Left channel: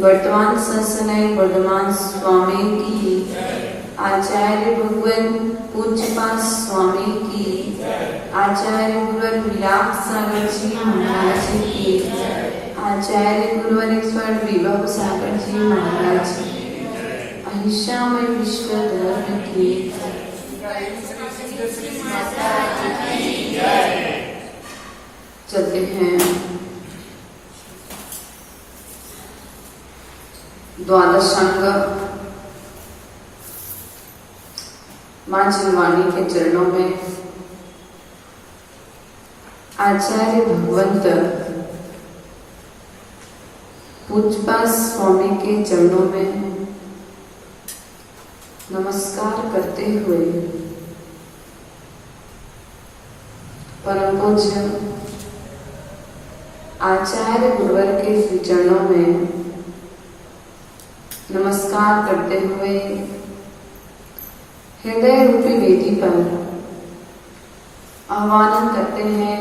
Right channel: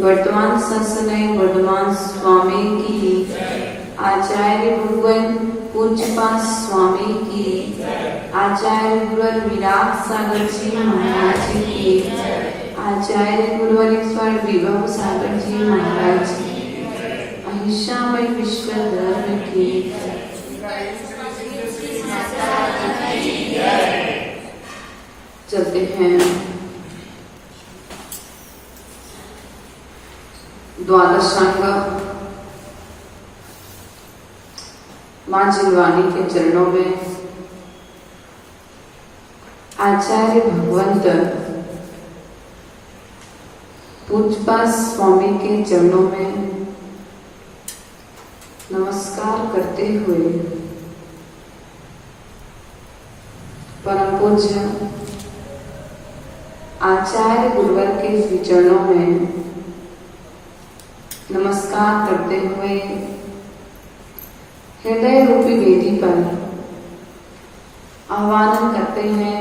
वर्तमान सत्सनय वर्धमान स्वामी की, आचार्य भगवान पूज्यपाद स्वामी की, आचार्य गुरुवर विराट सागर जी महाराज की, आचार्य गुरुवर ईश्वर विभव सागर जी महाराज की, अहिंसामय विश्व धर्म की। चलते हैं द्वादशांग मां जिनवाणी के चरणों में आचार्य भगवंत पूज्यपाद स्वामी के चरणों में नमस्कार करते हुए परम पूज्य आचार्य गुरुवर के श्री चरणों में नमस्कार करते हुए हृदय रूपी वेदी पर आह्वान करते हैं,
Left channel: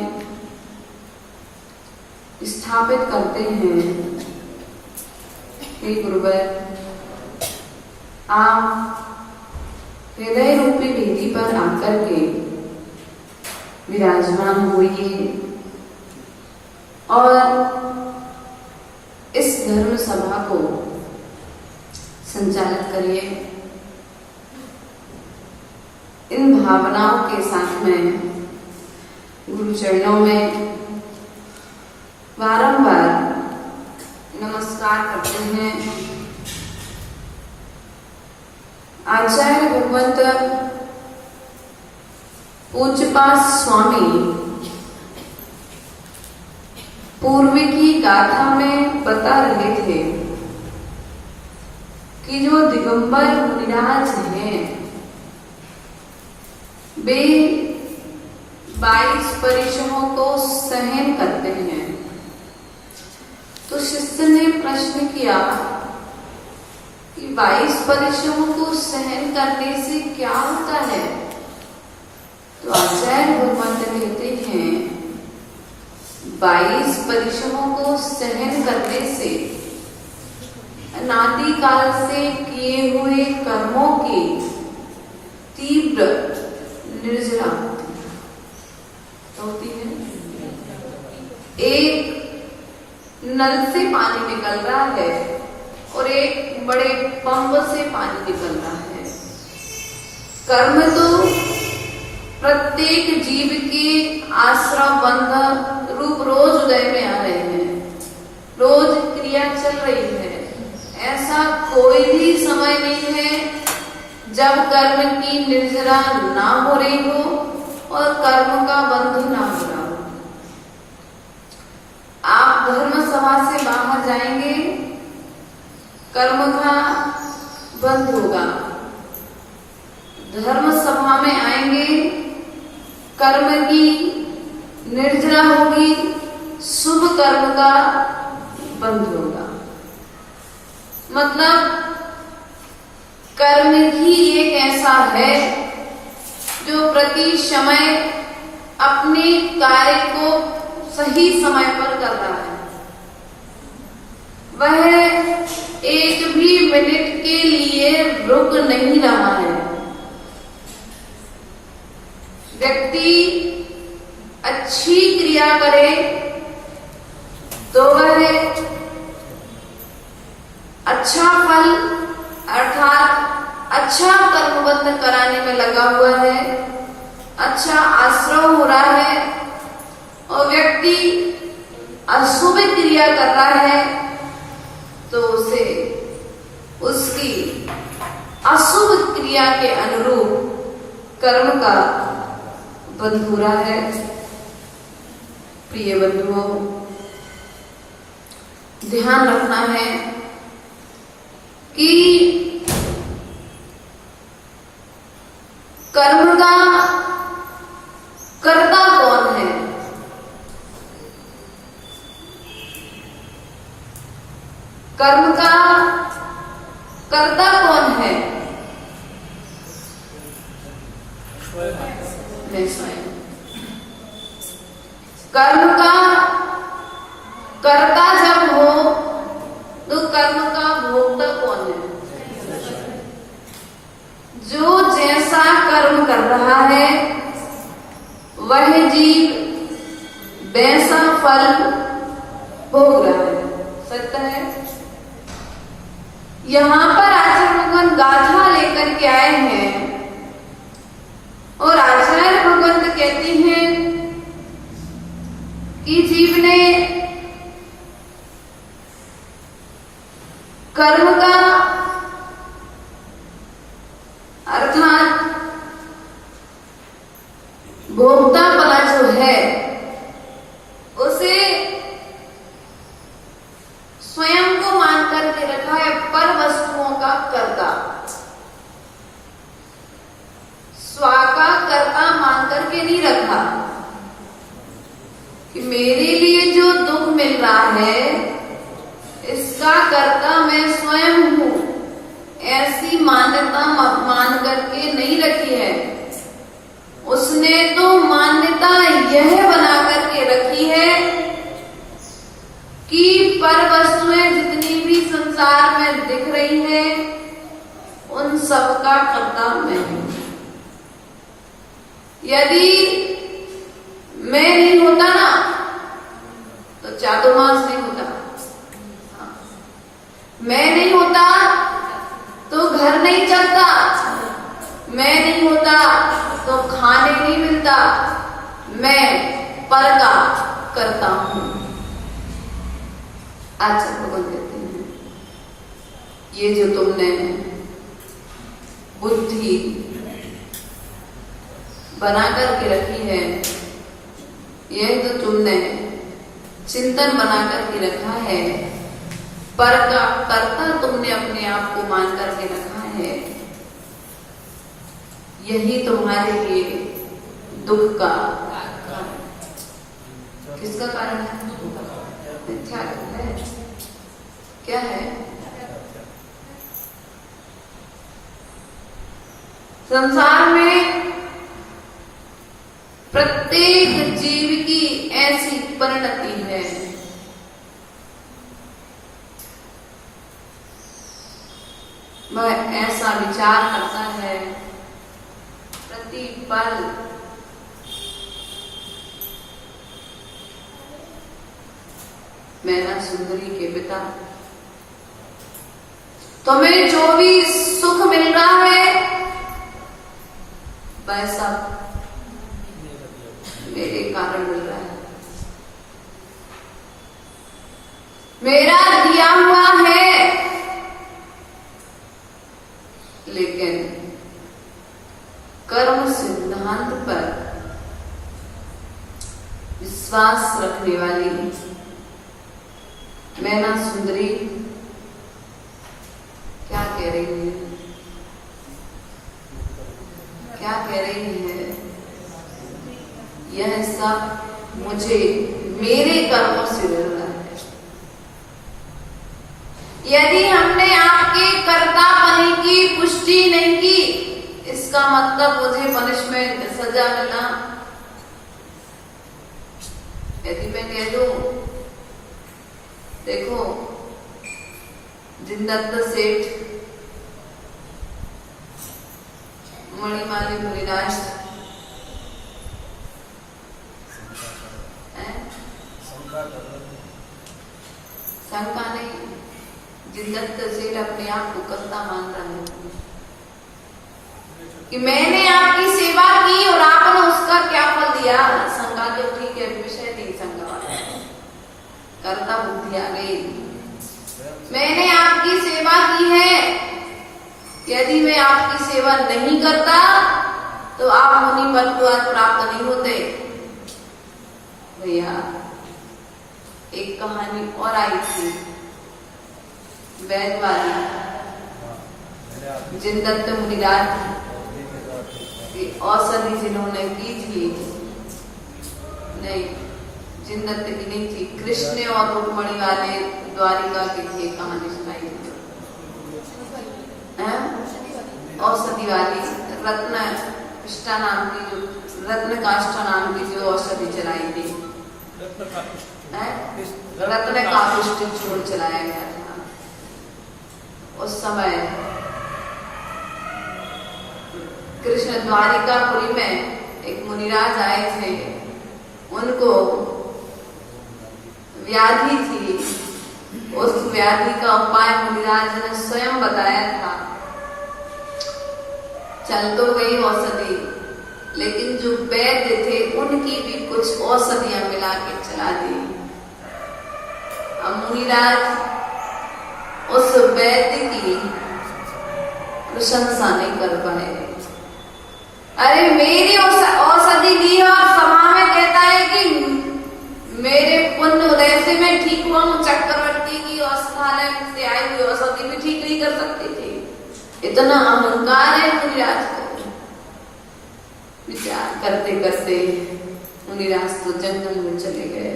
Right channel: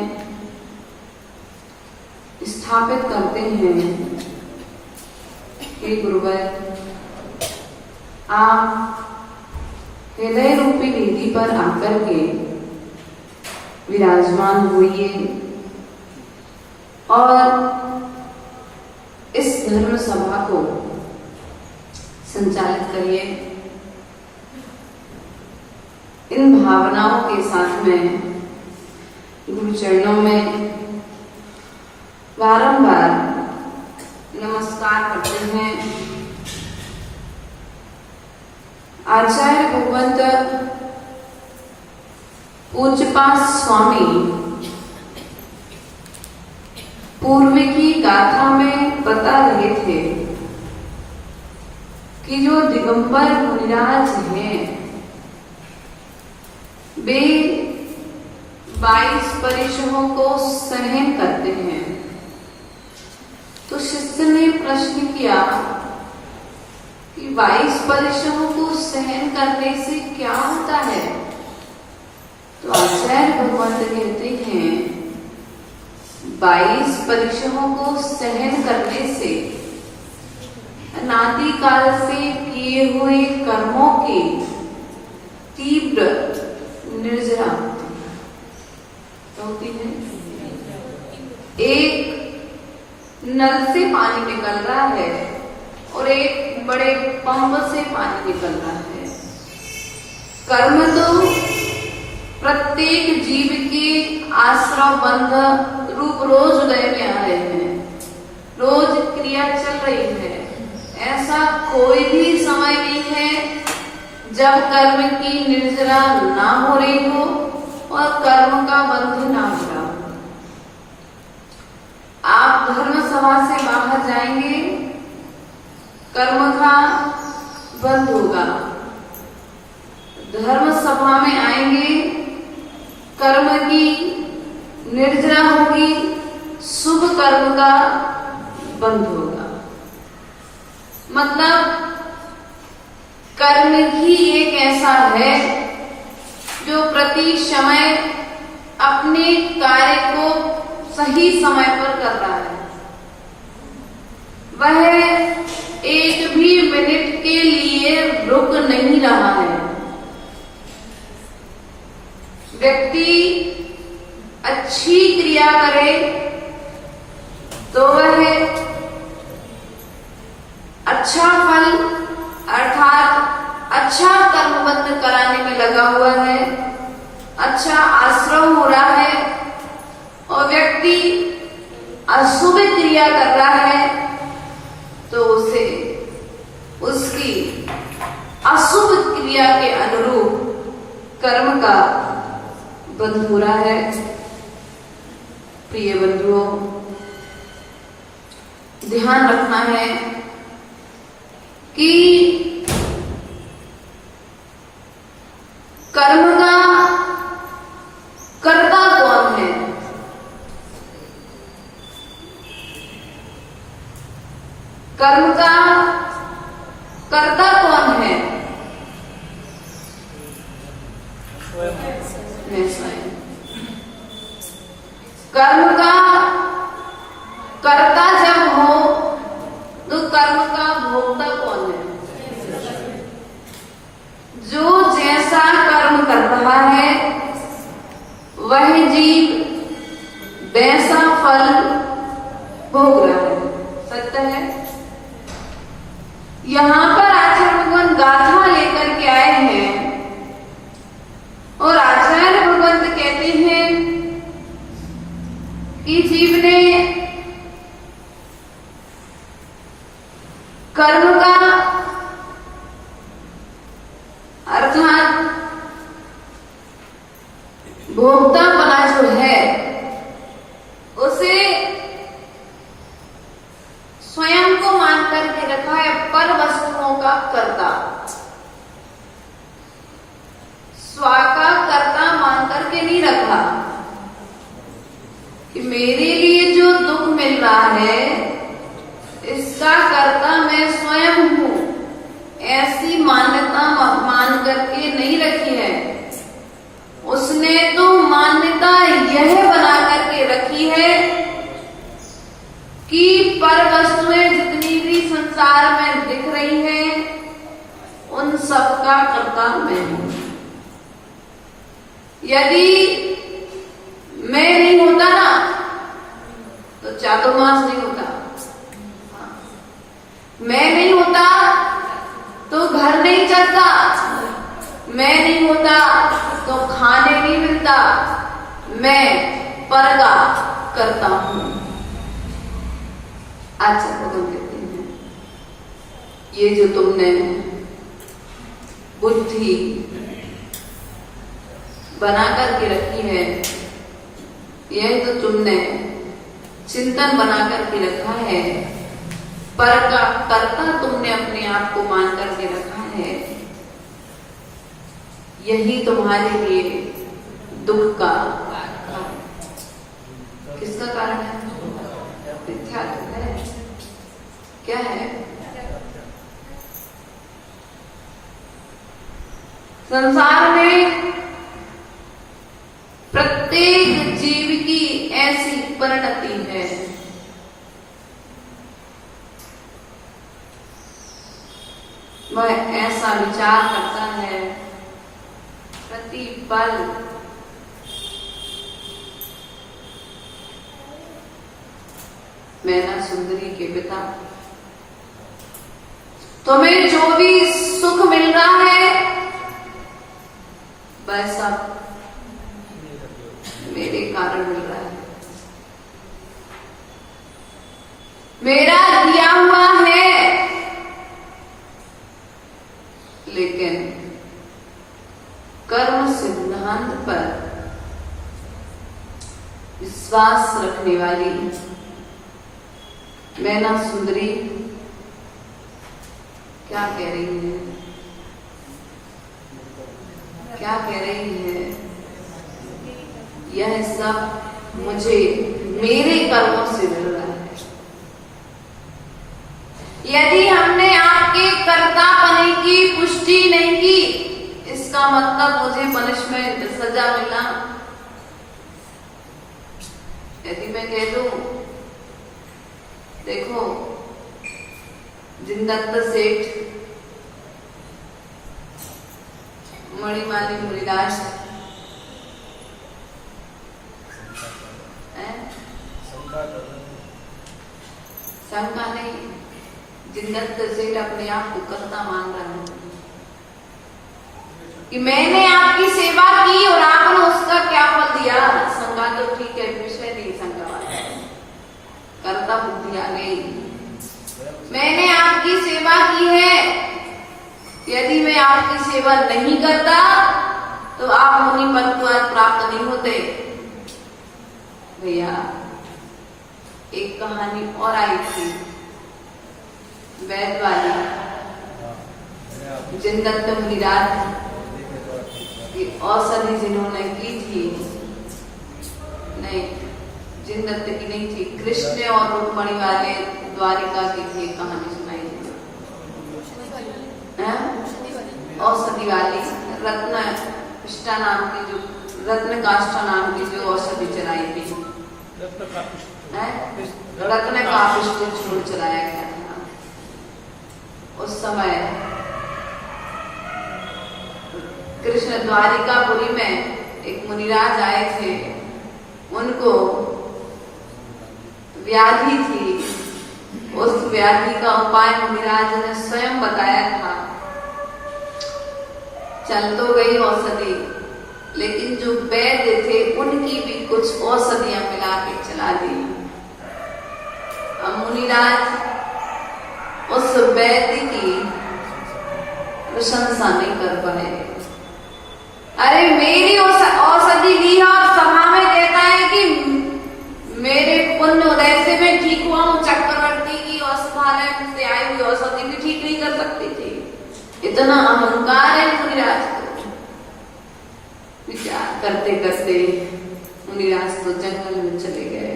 स्थापित करते हैं, हे गुरुवर आप हृदय रूपी वेदी पर आकर के विराजमान हुए और इस धर्म सभा को संचालित करिए। इन भावनाओं के साथ में गुरु चरणों में बारंबार नमस्कार करते हैं। आचार्य भगवंत पूज्यपाद स्वामी पूर्व की गाथा में बता रहे थे कि जो दिगंबर मुनिराज हैं वे 22 परिश्रमों को सहन करते हैं। तो शिष्य ने प्रश्न किया कि 22 परिश्रमों को सहन करने से क्या होता है? तो आचार्य भगवंत कहते हैं 22 परिश्रमों को सहन करने से अनादि काल से किए हुए कर्मों की तीव्र निर्जरा होती है। एक नल से पानी निकल रहा है और एक बड़े पंप से पानी निकल रहा है। कर्म तो प्रत्येक जीव के आश्रम बंध रूप रोज उदय में आ रहे हैं, रोज क्रिया चल रही है। ऐसा कोई भी समय नहीं है जब कर्म की निर्जरा ना हो रही हो और कर्म का बंध ना हो रहा हो। आप धर्म सभा से बाहर जाएंगे, कर्म का बंध होगा। धर्म सभा में कर्म की निर्जरा होगी, शुभ कर्म का बंध होगा। मतलब कर्म ही एक ऐसा है जो प्रति समय अपने कार्य को सही समय पर कर रहा है। वह एक भी मिनट के लिए रुक नहीं रहा है। व्यक्ति अच्छी क्रिया करे तो वह अच्छा फल अर्थात अच्छा कर्मबंध कराने में लगा हुआ है, अच्छा आश्रम हो रहा है। और व्यक्ति अशुभ क्रिया कर रहा है तो उसे उसकी अशुभ क्रिया के अनुरूप कर्म का बंध हो रहा है। प्रिय बंधुओं, ध्यान रखना है कि कर्म का कर्ता कौन है। कर्म का कर्ता कौन है? कर्म का कर्ता जब हो तो कर्म का भोक्ता कौन है? जो जैसा कर्म कर रहा है वह जीव वैसा फल भोग रहा है। सत्य है। यहाँ पर आचार्य भगवान गाथा लेकर के आए हैं और आचार्य भगवान कहते हैं कि जीव ने कर्म का अर्थात भोक्ता वाला जो है उसे स्वयं को मान करके रखा है पर वस्तुओं का कर्ता, स्व का कर्ता मान करके नहीं रखा कि मेरे लिए जो दुख मिल रहा है इसका कर्ता मैं स्वयं हूं। ऐसी मान्यता मान करके नहीं रखी है। उसने तो मान्यता यह बना करके रखी है कि पर वस्तुएं जितनी भी संसार में दिख रही है उन सब का कर्ता मैं हूं। यदि मैं नहीं होता ना तो चातुर्मास नहीं होता, मैं नहीं होता तो घर नहीं चलता, मैं नहीं होता तो खाने नहीं मिलता। मैं पर का करता हूं। अच्छा भगवान कहते हैं ये जो तुमने बुद्धि बना करके रखी है, यह तो तुमने चिंतन बना करके रखा है, पर का कर्ता तुमने अपने आप को मान करके रखा है। यही तुम्हारे लिए दुख का किसका कारण है? मिथ्या है। क्या है? संसार में प्रत्येक जीव की ऐसी परिणति है वह ऐसा विचार करता है प्रतिपल मैना सुंदरी के पिता तुम्हें जो भी सुख मिल रहा है वह सब मेरे कारण मिल रहा है, मेरा दिया हुआ है। लेकिन कर्म सिद्धांत पर विश्वास रखने वाली मैना सुंदरी क्या कह रही है? क्या कह रही है? यह सब मुझे मेरे कर्मों से मिल रहा है। यदि हमने आपके कर्तापन की पुष्टि नहीं की, इसका मतलब मुझे पनिशमेंट, सजा मिला। यदि मैं कह दूं, देखो जिनदत्त सेठ मणिमाली मुनिराज शंका नहीं, जिनदत्त सेठ अपने आप को कर्ता मान रहा है कि मैंने आपकी सेवा की और आपने उसका क्या फल दिया। शंका तो ठीक है, विषय नहीं शंका वाला है, कर्ता बुद्धि आ गई। मैंने आपकी सेवा की है, यदि मैं आपकी सेवा नहीं करता तो आप मुनि पद प्राप्त नहीं होते। भैया एक कहानी और आई थी, वैद वाली, जिनदत्त मुनिराज की औषधि जिन्होंने की थी, नहीं जिनदत्त की नहीं थी, कृष्ण और रुक्मणी वाले द्वारिका की थी, कहानी सुनाई थी। औषधि वाली रत्न नाम की, जो रत्न काष्ठा नाम की जो औषधि चलाई थी, रत्न काष्ठ छोड़ चलाया गया था। उस समय कृष्ण द्वारिकापुरी में एक मुनिराज आए थे, उनको व्याधि थी। उस व्याधि का उपाय मुनिराज ने स्वयं बताया था। चल तो गई औषधि, लेकिन जो वैद्य थे उनकी भी कुछ औषधियां मिला के चला दी। अब मुनिराज उस वैद्य की प्रशंसा नहीं कर पाए। अरे मेरी औषधि ली और सभा में कहता है कि मेरे पुण्य उदय से मैं ठीक हुआ हूं, चक्रवर्ती की औषधालय से आई हुई औषधि भी ठीक नहीं कर सकती थी। इतना अहंकार है मुनिराज को। विचार करते करते मुनिराज तो जंगल में चले गए।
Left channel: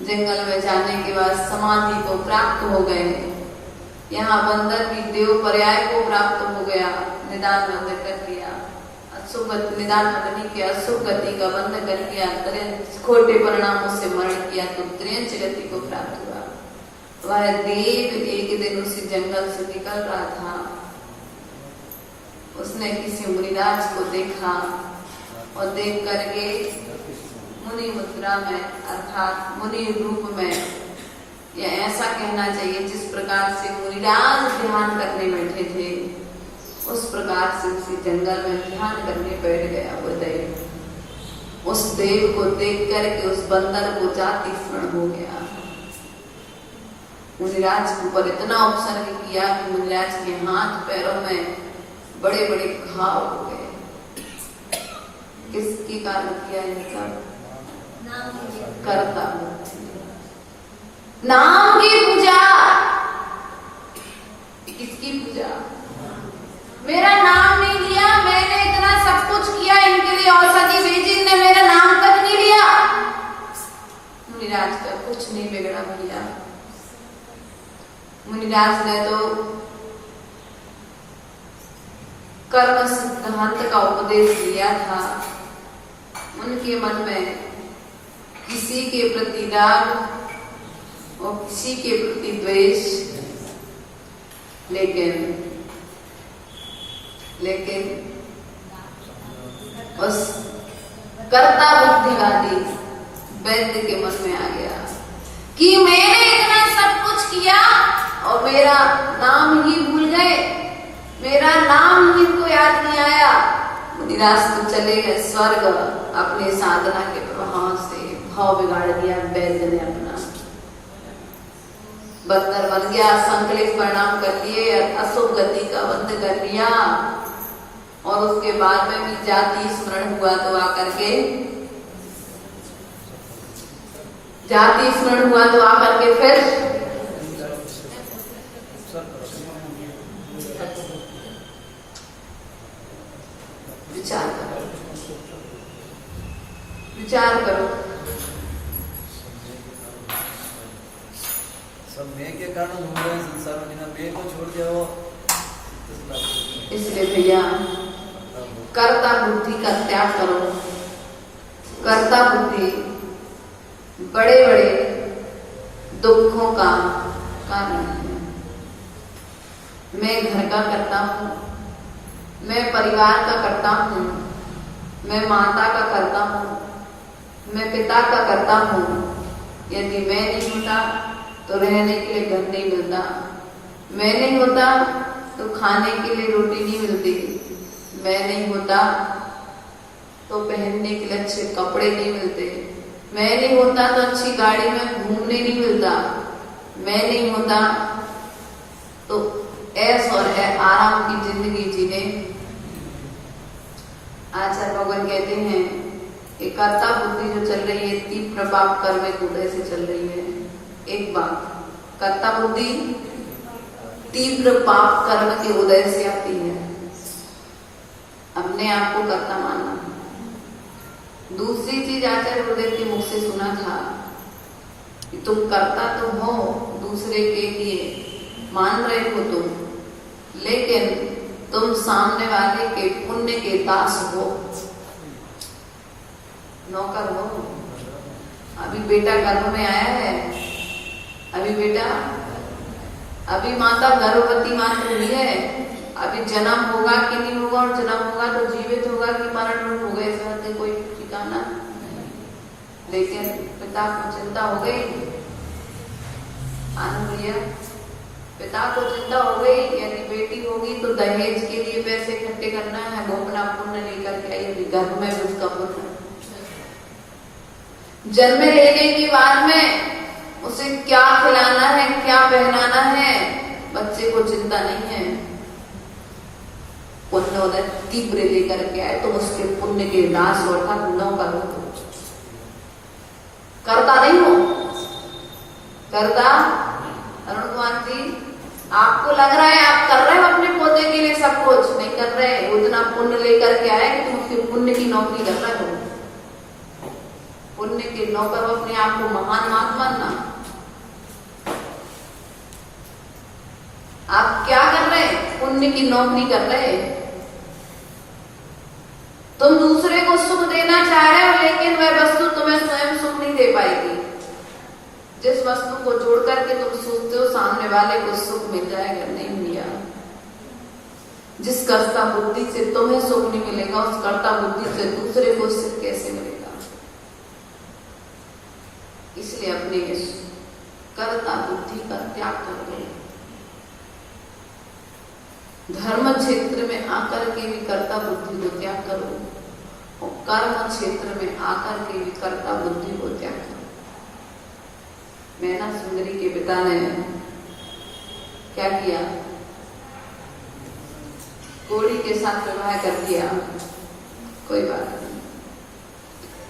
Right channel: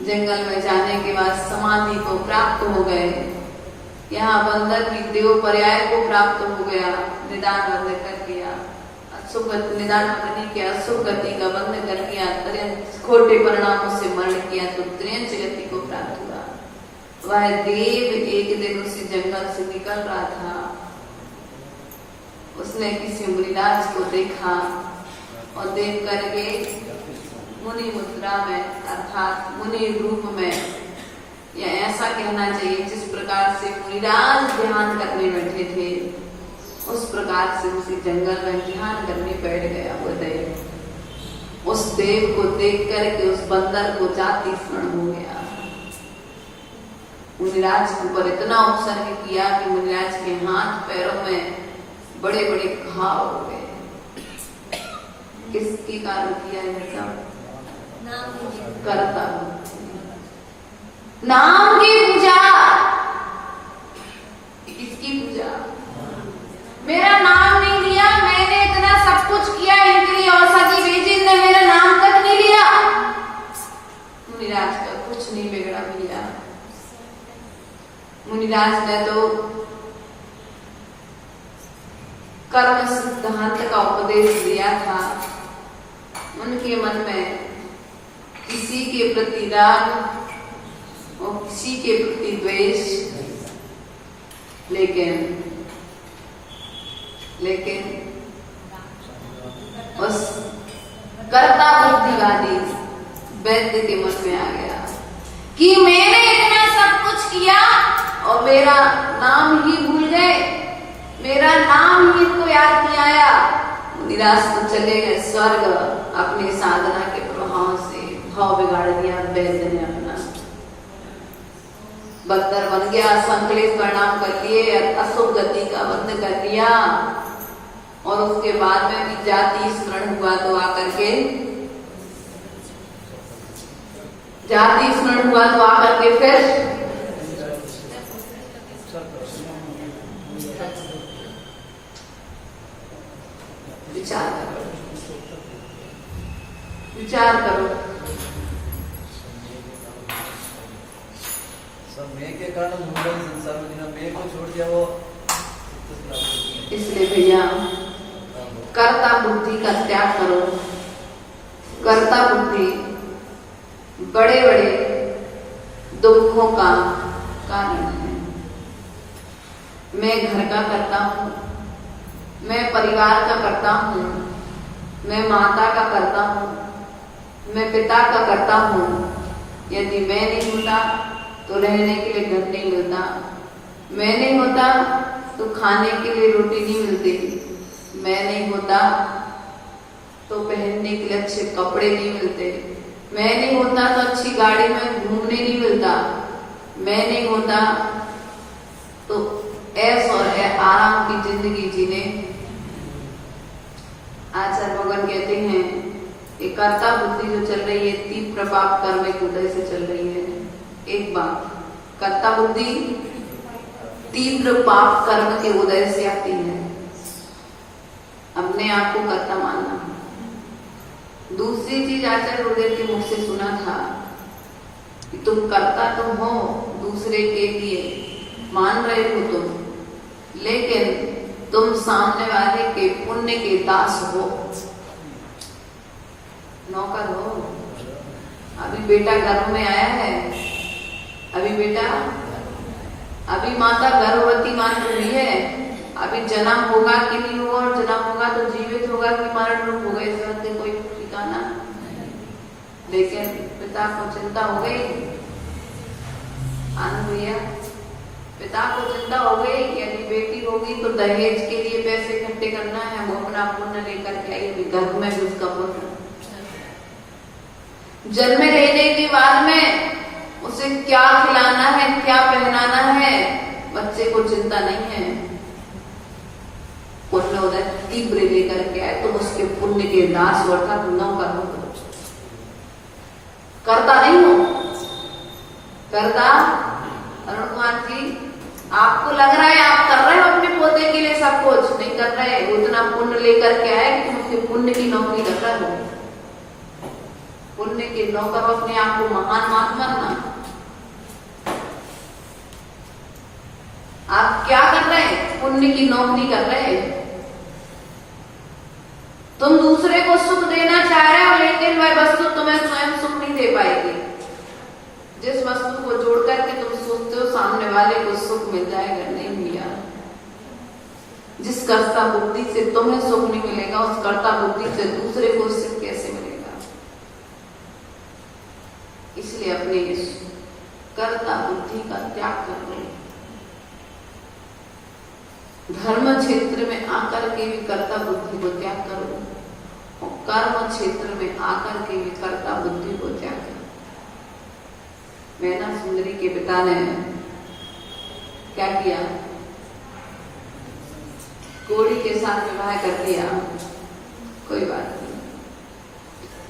जंगल में जाने के बाद समाधि को प्राप्त हो गए। यहाँ बंदर भी देव पर्याय को प्राप्त हो गया, निदान बंद कर दिया, निदान नहीं किया, सुगति का बंद कर दिया, खोटे परिणामों से मरण किया तो त्रियंच गति को प्राप्त हुआ। वह देव एक दिन उसी जंगल से निकल रहा था, उसने किसी मुनिराज को देखा और देख करके मुनि मुद्रा में अर्थात मुनि रूप में, या ऐसा कहना चाहिए जिस प्रकार से मुनिराज ध्यान करने बैठे थे, उस प्रकार से उसी जंगल में ध्यान करने बैठ गया वो देव। उस देव को देख करके उस बंदर को जाति स्मरण हो गया। मुनिराज के ऊपर इतना उपसर्ग किया कि मुनिराज के हाथ पैरों में बड़े बड़े घाव हो गए। किसके कारण किया ये सब? करता नाम की पूजा। किसकी पूजा? मेरा नाम नहीं लिया, मैंने इतना सब कुछ किया, इनके लिए औषधि भेजी, इनने मेरा नाम तक नहीं लिया। मुनिराज का कुछ नहीं बिगड़ा भैया। मुनिराज ने तो कर्म सिद्धांत का उपदेश दिया था। उनके मन में किसी के प्रति राग और किसी के प्रति द्वेष, लेकिन बस कर्ता बुद्धिवादी वैद्य के मन में आ गया कि मैंने इतना सब कुछ किया और मेरा नाम ही भूल गए, मेरा नाम ही को याद नहीं आया। मुनिराज तो चले गए स्वर्ग। अपने साधना के प्रभाव से भाव बिगाड़ दिया वैद्य ने अपना। बदतर बन गया, संकलित परिणाम कर लिए, अशुभ गति का बंद कर दिया। और उसके बाद में भी जाति स्मरण हुआ तो आकर के फिर विचार करो। विचार करो। सब मैं के कारण घूम रहे हैं संसार में, बिना मैं को छोड़ जाओ। इसलिए भैया कर्ता बुद्धि का त्याग करो। कर्ता बुद्धि बड़े बड़े दुखों का कारण है। मैं घर का करता हूँ, मैं परिवार का करता हूँ, मैं माता का करता हूँ, मैं पिता का करता हूँ। यदि मैं नहीं होता तो रहने के लिए घर नहीं मिलता, मैं नहीं होता तो खाने के लिए रोटी नहीं मिलती, मैं नहीं होता तो पहनने के लिए अच्छे कपड़े नहीं मिलते, मैं नहीं होता तो अच्छी गाड़ी में घूमने नहीं मिलता, मैं नहीं होता तो ऐश और आराम की जिंदगी जीने। आचार्य भगवान कहते हैं कि कर्ता बुद्धि जो चल रही है तीव्र पाप कर्म के उदय से चल रही है। एक बात, कर्ता बुद्धि तीव्र पाप कर्म के उदय से आती है। अपने आप को कर्ता मानना है। दूसरी चीज आचार्य गुरुदेव के मुख से सुना था कि तुम कर्ता तो हो दूसरे के लिए, मान रहे हो तुम, लेकिन तुम सामने वाले के पुण्य के दास हो, नौकर हो। अभी बेटा गर्भ में आया है, अभी माता गर्भवती मान रही है, अभी जन्म होगा कि नहीं होगा, और जन्म होगा तो जीवित होगा कि मरण रूप होगा, इस बात से कोई ठिकाना। लेकिन पिता को चिंता हो गई, पिता को चिंता हो गई, यदि बेटी होगी तो दहेज के लिए पैसे इकट्ठे करना है, वो अपना पुण्य लेकर के आई, गर्भ में भी उसका पुण्य। जन्म लेने के बाद में उसे क्या खिलाना है, क्या पहनाना है, बच्चे को चिंता नहीं है। पुण्य उदय तीव्र लेकर के आए तो उसके पुण्य के दास अर्थात नौकर हो। करता नहीं हो, करता। अरुण कुमार जी, आपको लग रहा है आप कर रहे हो अपने पोते के लिए सब कुछ, नहीं कर रहे। उतना पुण्य लेकर के आए कि तुम उसके पुण्य की नौकरी कर रहे हो। पुण्य के नौकर अपने आप को महान मत मानना। आप क्या कर रहे हैं? पुण्य की नौकरी कर रहे हैं। तुम दूसरे को सुख देना चाह रहे हो, लेकिन वह वस्तु तुम्हें स्वयं सुख नहीं दे पाएगी। जिस वस्तु को जोड़ करके तुम सोचते हो सामने वाले को सुख मिल जाएगा, नहीं मिलेगा। जिस कर्ता बुद्धि से तुम्हें सुख नहीं मिलेगा, उस कर्ता बुद्धि से दूसरे को सुख कैसे मिलेगा? इसलिए अपने कर्ता बुद्धि का त्याग करो। धर्म क्षेत्र में आकर के भी कर्ता बुद्धि को त्याग करो, और कर्म क्षेत्र में आकर के भी कर्ता बुद्धि को त्याग करो। मैना सुंदरी के पिता ने क्या किया? कोड़ी के साथ विवाह कर दिया। कोई बात नहीं,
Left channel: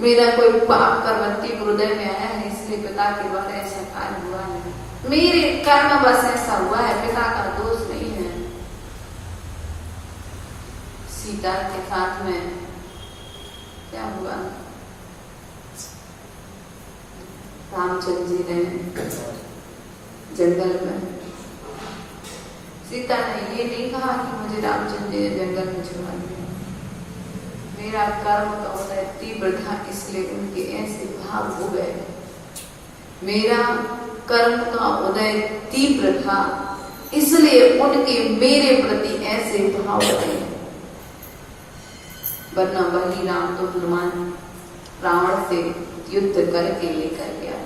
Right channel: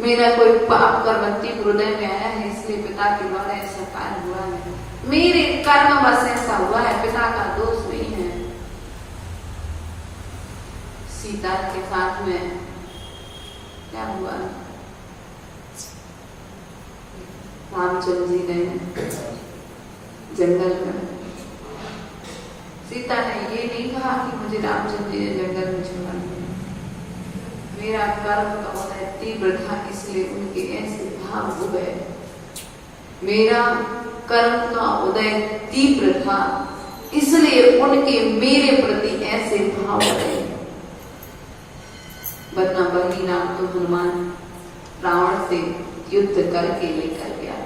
मेरा कोई पाप कर्मवती हृदय में आया है, इसलिए पिता के द्वारा ऐसा कार्य हुआ है। मेरे कर्म बस ऐसा हुआ है, पिता का दोष नहीं है। सीता के साथ में क्या हुआ? रामचंद्र जी ने जंगल में, सीता ने ये नहीं कहा कि मुझे रामचंद्र जी ने जंगल में छोड़ा दिया। मेरा कर्म का उदय तीव्र था, इसलिए उनके ऐसे भाव हो गए। मेरा कर्म का उदय तीव्र था, इसलिए उनके मेरे प्रति ऐसे भाव रहे। वरना वही राम तो हनुमान रावण से युद्ध करके लेकर गया।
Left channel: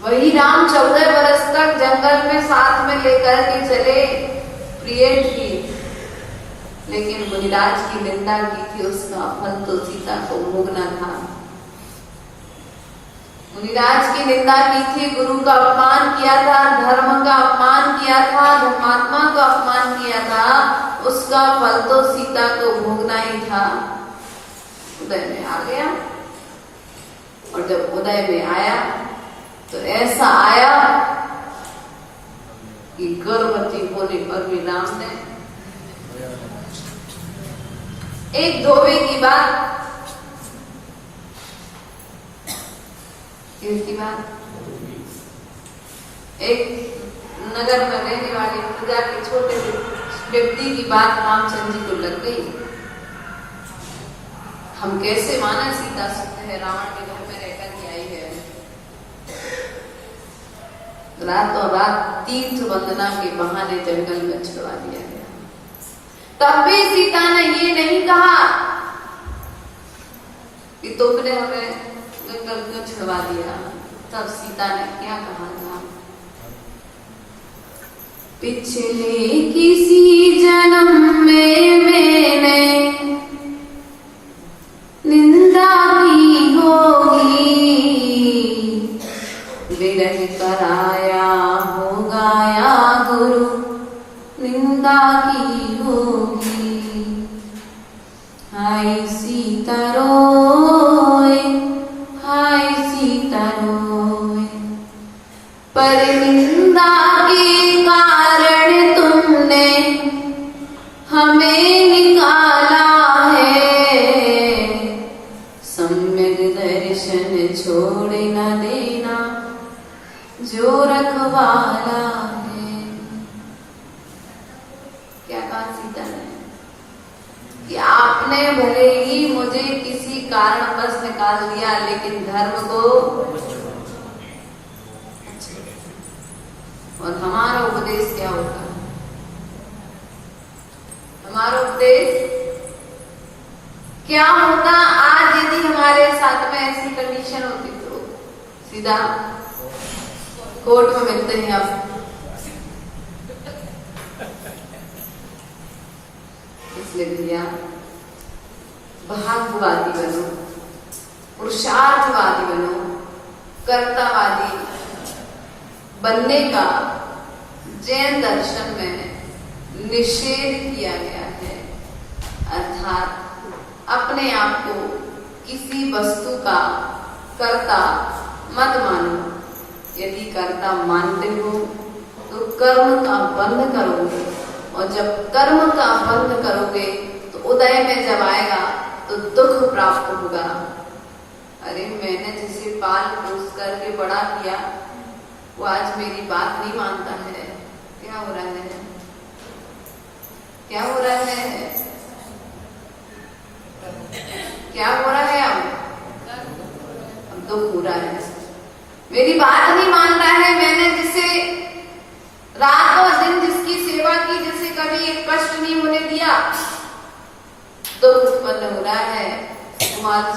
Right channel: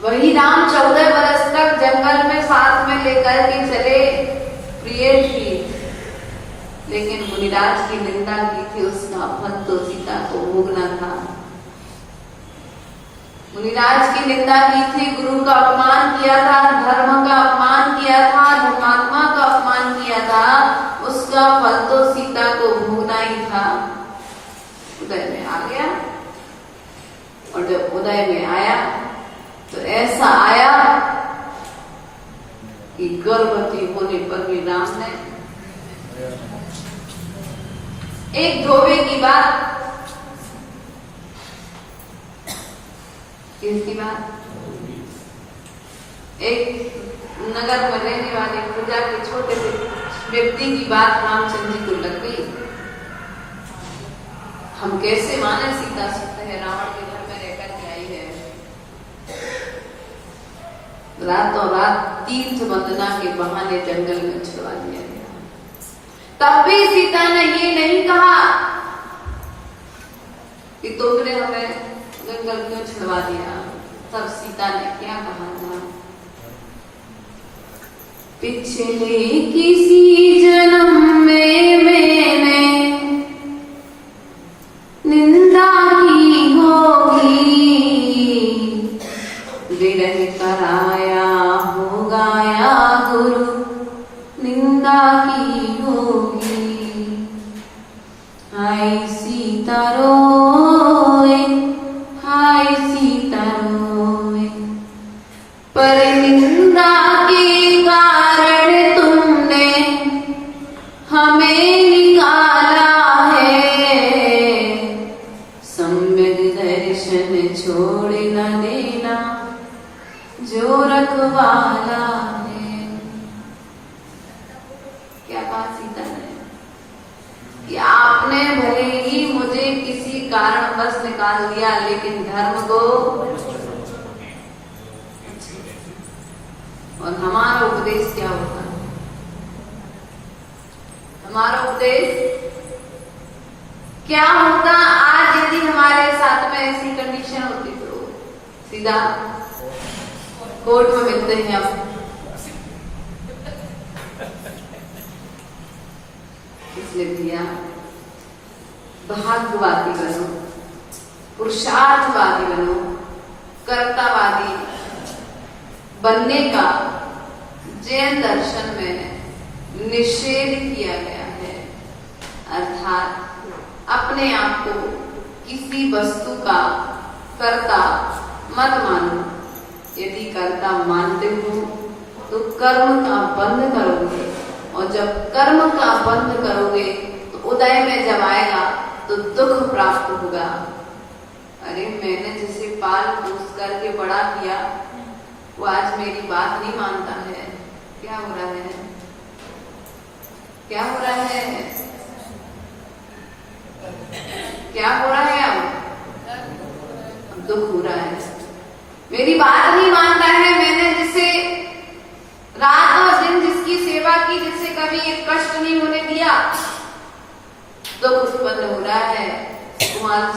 वही राम 14 बरस तक जंगल में साथ में लेकर के चले, प्रिय थी, लेकिन मुनिराज की निंदा की थी, उसका फल तो सीता को भोगना था। मुनिराज की निंदा की थी, गुरु का अपमान किया था, धर्म का अपमान किया था, धर्मात्मा का अपमान किया था, उसका फल तो सीता को भोगना ही था। उदय में आ गया, और जब उदय में आया तो ऐसा आया कि गर्भवती होने पर भी राम ने एक धोबे की बात, किसकी बात? एक नगर में रहने वाले पूजा के छोटे से व्यक्ति की बात रामचंद्र जी को लग गई। हम कैसे माने सीता सकते हैं रावण के घर में रहकर के आई है। रातों रात तीर्थ वंदना के बहाने जंगल में छुड़वा दिया गया। तब भी सीता ने ये नहीं कहा कि तुमने हमें जंगल में छुड़वा दिया। तब सीता ने क्या कहा था? पिछले किसी जन्म में मैंने निंदा की होगी, विरह कराया होगा या गुरु निंदा की होगी। हाय सीता रोए, हाय सीता रोए, पर निंदा के कारण तुमने हमें निकाला है। सम्यक दर्शन छोड़ न देना जो रखवाला है। क्या कहा सीता ने कि आपने भले ही मुझे किसी कारणवश निकाल दिया, लेकिन धर्म को, और हमारा उपदेश क्या होगा? हमारा उपदेश क्या होता? आज यदि हमारे साथ में ऐसी कंडीशन होती तो सीधा कोर्ट में मिलते हैं। आप इसलिए भैया भाग्यवादी बनो, पुरुषार्थवादी बनो, कर्तावादी बनने का जैन दर्शन में निषेध किया गया है। अर्थात अपने आप को किसी वस्तु का कर्ता मत मानो। यदि कर्ता मानते हो तो कर्म का बंध करोगे, और जब कर्म का बंध करोगे तो उदय में जब आएगा तो दुख प्राप्त होगा। अरे मैंने जिसे पाल पोस करके बड़ा किया वो आज मेरी बात नहीं मानता है। क्या हो रहा है? क्या हो रहा है? क्या हो रहा है? अब दुख हो रहा है। मेरी बात नहीं मानता है। मैंने जिसे रात और दिन जिसकी सेवा की, जिसे कभी एक कष्ट नहीं होने दिया, दुख उत्पन्न हो रहा है। कुमार